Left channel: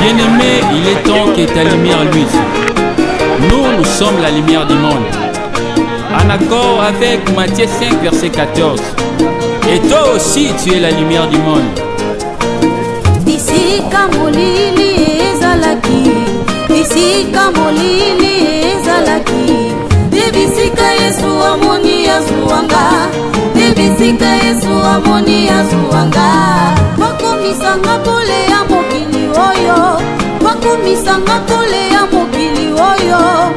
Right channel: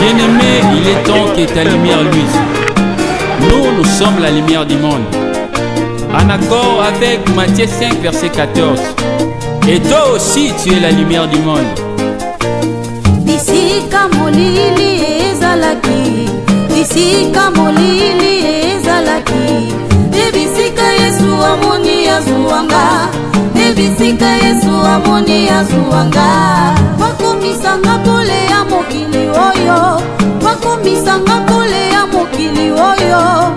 Bien-aimé, il est temps que ta lumière luise. Nous sommes la lumière du monde. En accord avec Matthieu 5, verset 14. Et toi aussi, tu es la lumière du monde. Bisika molili ezalaki, bisika molili ezalaki. Ebisika Yesu amoni azuanga, ebisika Yesu amoni azuanga. Bakomisanga pole ya mokili oyo, bakomisanga pole ya mokili oyo.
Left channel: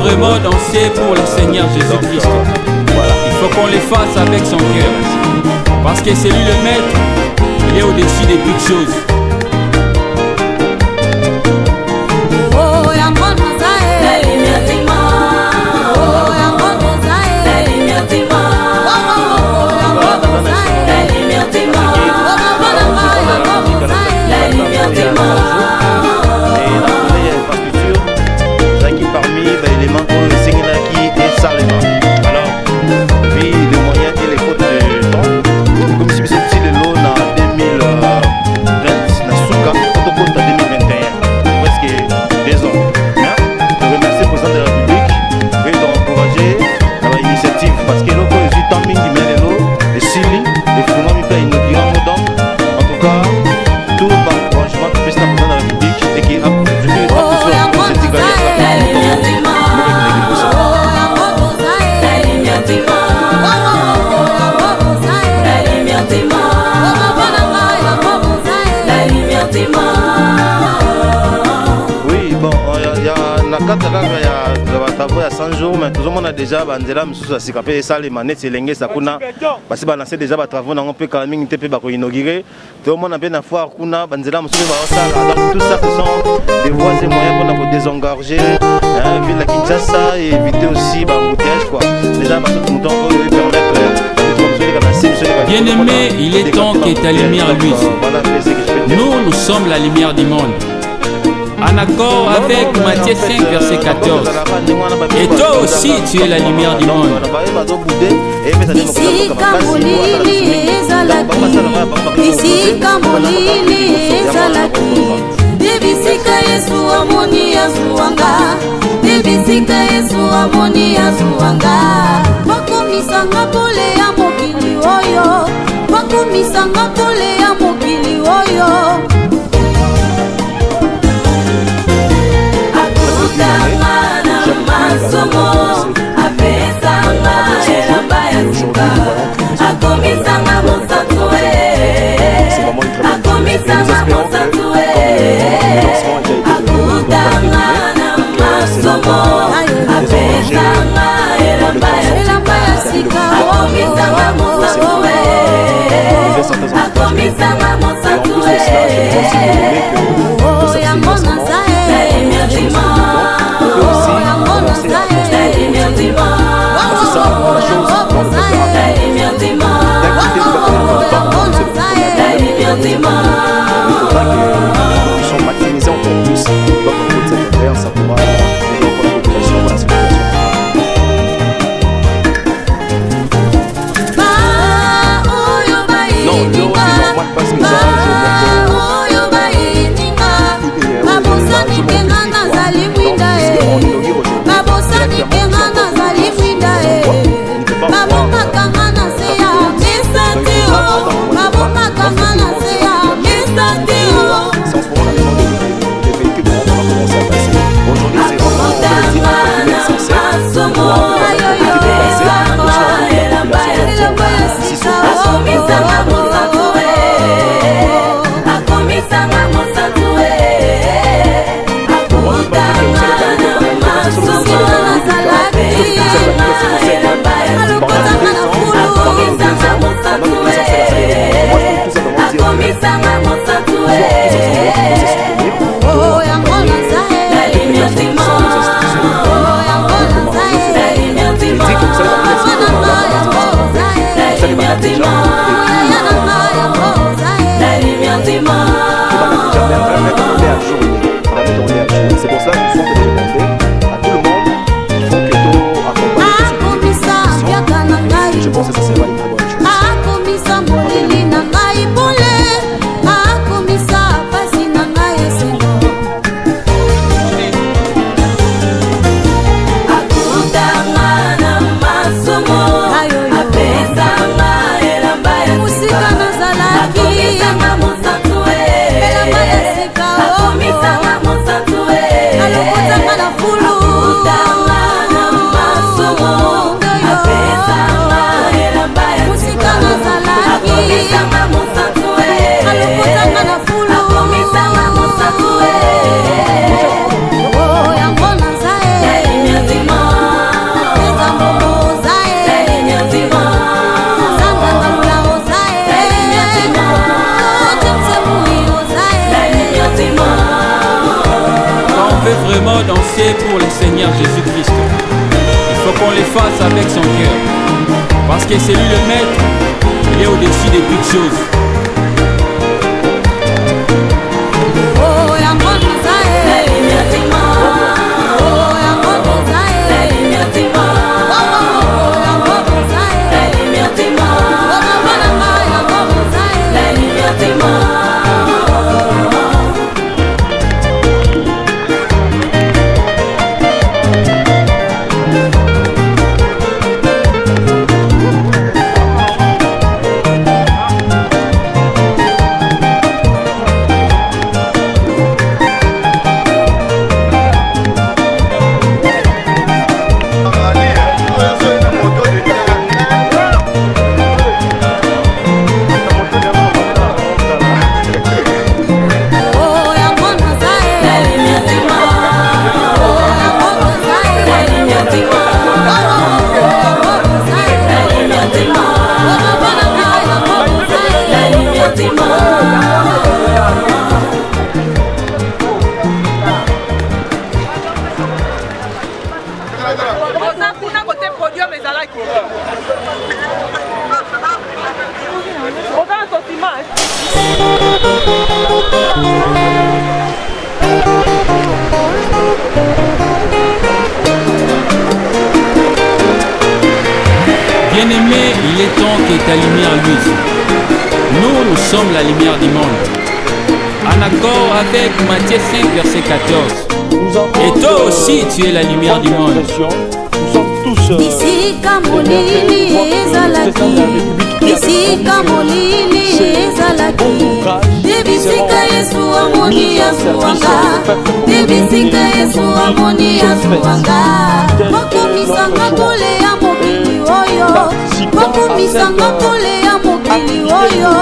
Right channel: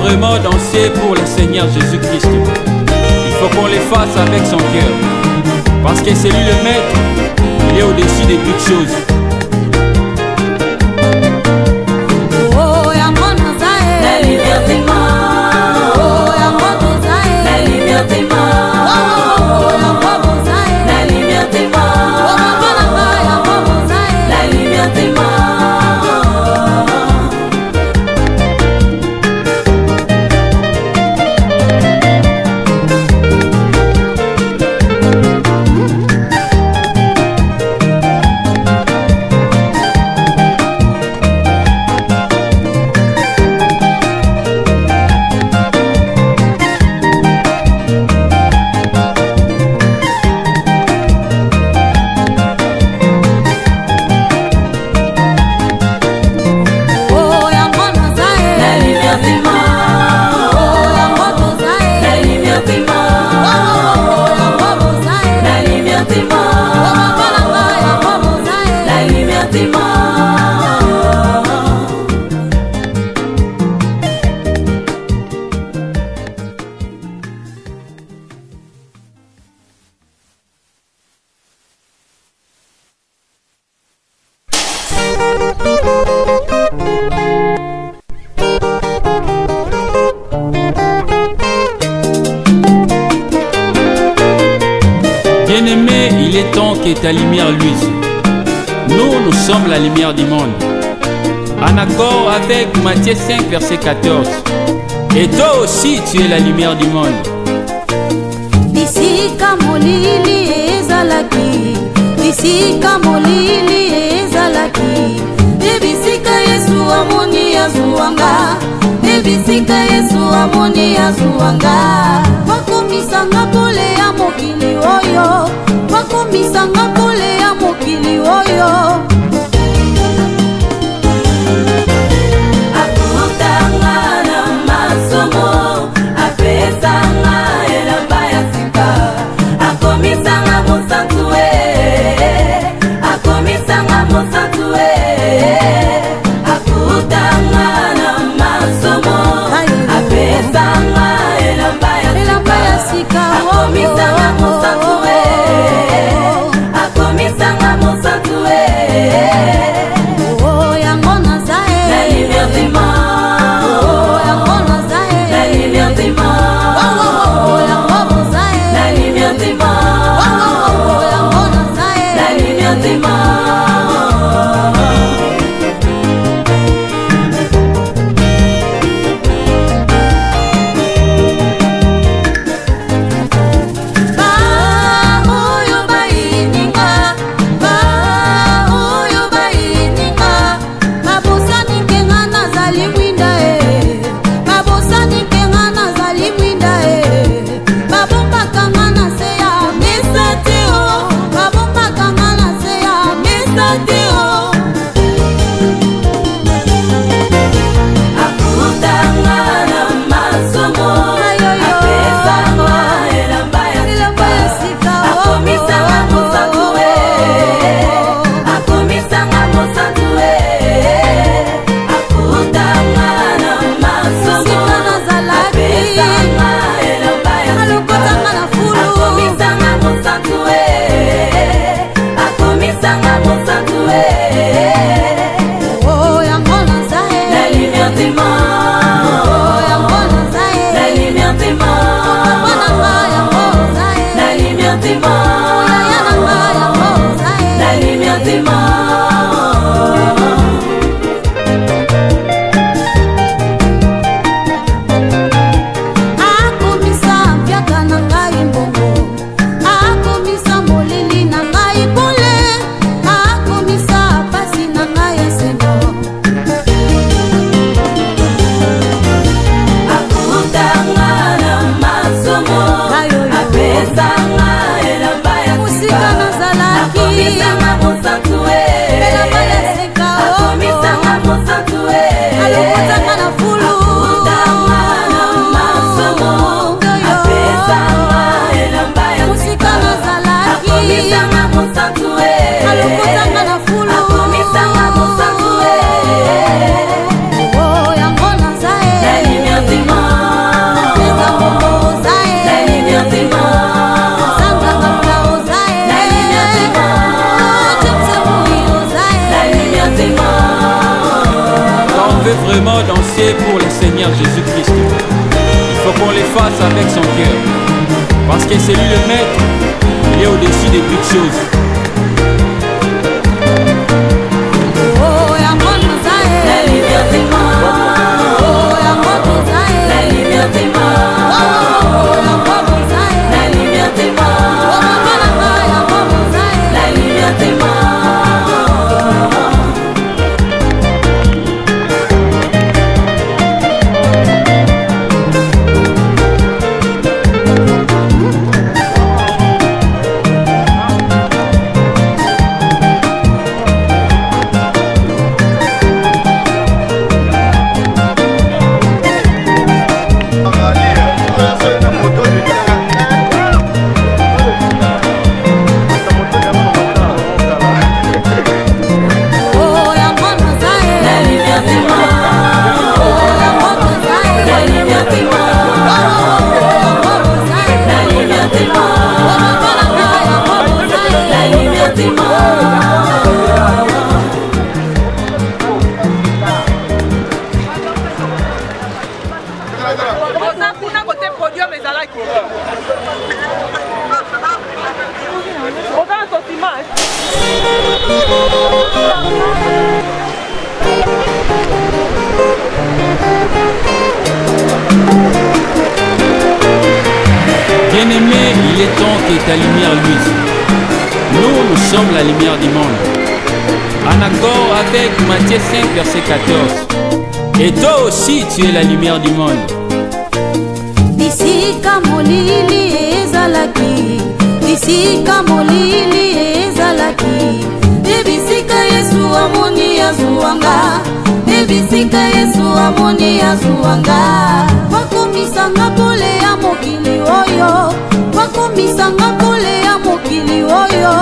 Vraiment danser pour le Seigneur Jésus-Christ. Il faut qu'on les fasse avec son cœur. Parce que c'est lui le maître. Il est au-dessus de toutes choses. tozomona déjà banzela misusu ya sika mpe esalema neti elengesa kuna basi banase déjà batravaux nango mpe kala mingi te mpe bakoinaugure tozomona mpe na foire kuna banzela mosusu mpe baosala. Donc tout ça ce sont des voies et moyens mpona kodésengorger ville ya Kinshasa et éviter aussi bambouteillage quoi. Déjà Bien-aimé, il est temps que ta lumière luise. Nous sommes la lumière du monde. En accord avec Matthieu 5, verset 14. Et toi aussi, tu es la lumière du monde. Bisika molili ezalaki, bisika molili ezalaki. Ebisika Yesu amoni azuanga, ebisika Yesu amoni azuanga. Bakomisanga pole ya mokili oyo, bakomisanga pole ya mokili oyo. Vraiment danser pour le Seigneur Jésus-Christ. Il faut qu'on les fasse avec son cœur. Parce que c'est lui le maître, il est au-dessus de toutes choses. Bien-aimé, il est temps que ta lumière luise. Nous sommes la lumière du monde. En accord avec Matthieu 5, verset 14. Et toi aussi, tu es la lumière du monde. Bisika molili ezalaki, bisika molili ezalaki. Ebisika Yesu amoni azuanga, ebisika Yesu amoni azuanga. Bakomisanga kole ya mokili oyo, bakomisanga kole ya mokili oyo.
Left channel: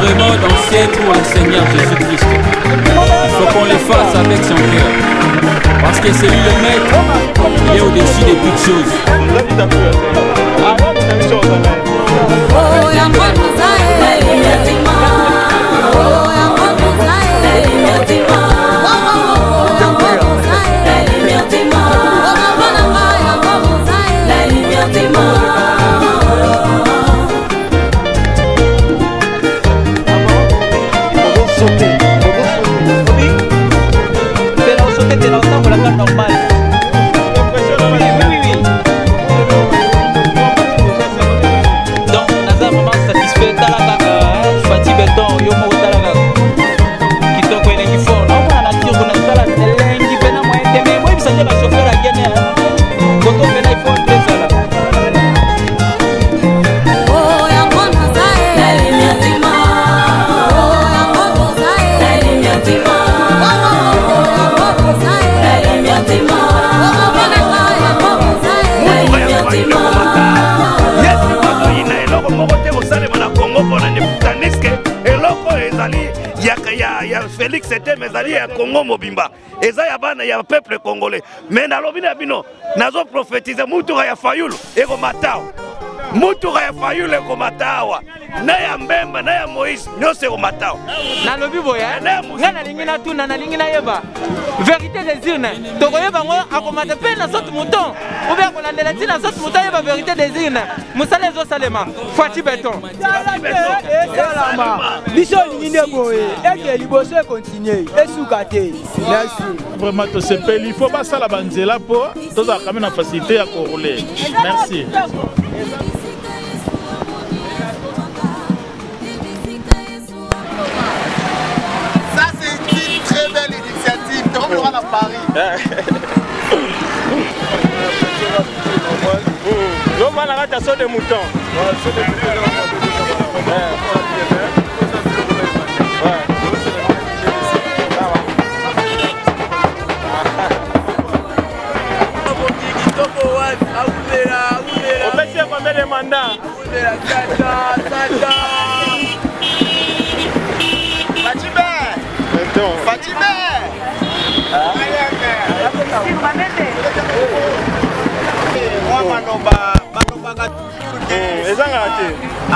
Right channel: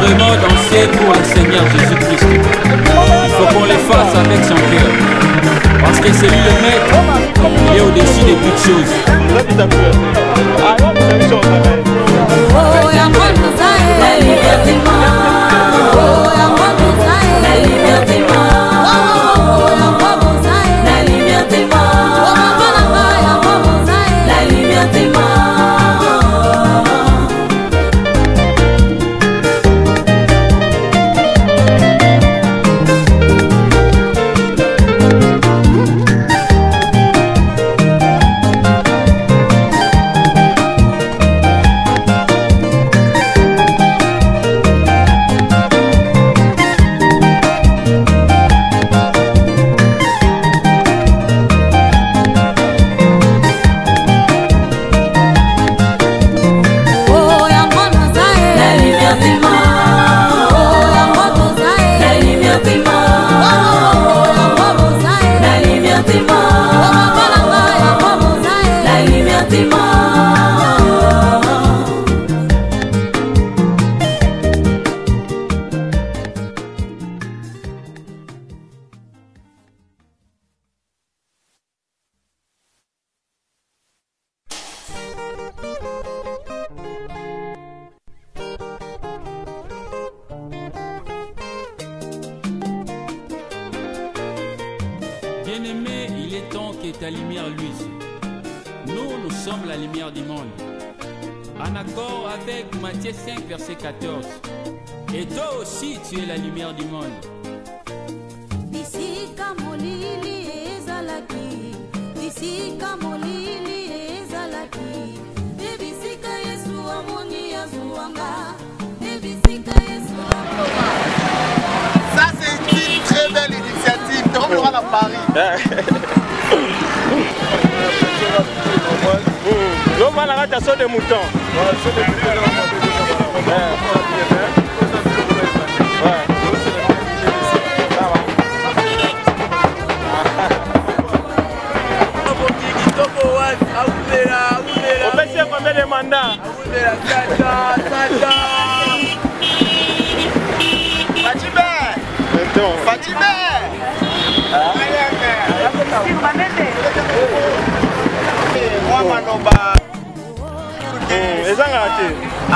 Vraiment danser pour le Seigneur Jésus-Christ. Il faut qu'on le fasse avec son cœur. Parce que c'est lui le maître, il est au-dessus de toutes choses. ya Congo mobimba eza ya bana ya peuple congolais mais nalobi na bino nazo prophétiser mutuka ya fayulu eko matao mutuka ya fayulu eko matawa na ya Mbemba na ya Moïse nyonso eko matawa nalobi boya nga nalingi natuna nalingi nayeba vérité des urnes tokoyeba ngo akomata mpe na sote mouton obe akolandela ntina sote mouton ayeba vérité des urnes mosala ezosalema Fachi Beton biso lingine boye ete liboso ekontinue esuka te vraiment tosepeli il faut basala banzela mpo tozala kame na facilité ya korole. Merci. Ça c'est une très belle initiative. Donc on va à Paris. L'homme va la rater sur des moutons. On peut dire combien de mandats?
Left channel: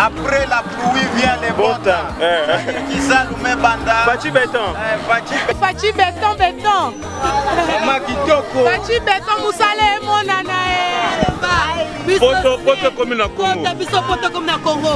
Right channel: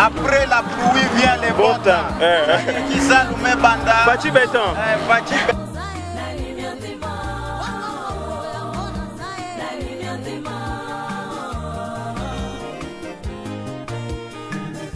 Après la pluie vient les beaux temps. Qui s'allume banda. Fachi Beton. Fachi Beton Beton. Fachi Beton musale monana. Poto comme na Congo. Poto comme na Congo.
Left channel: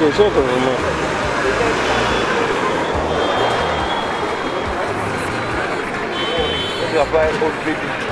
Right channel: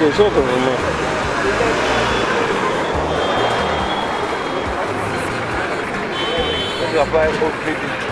Des autres vraiment. Il va pas être au crédit.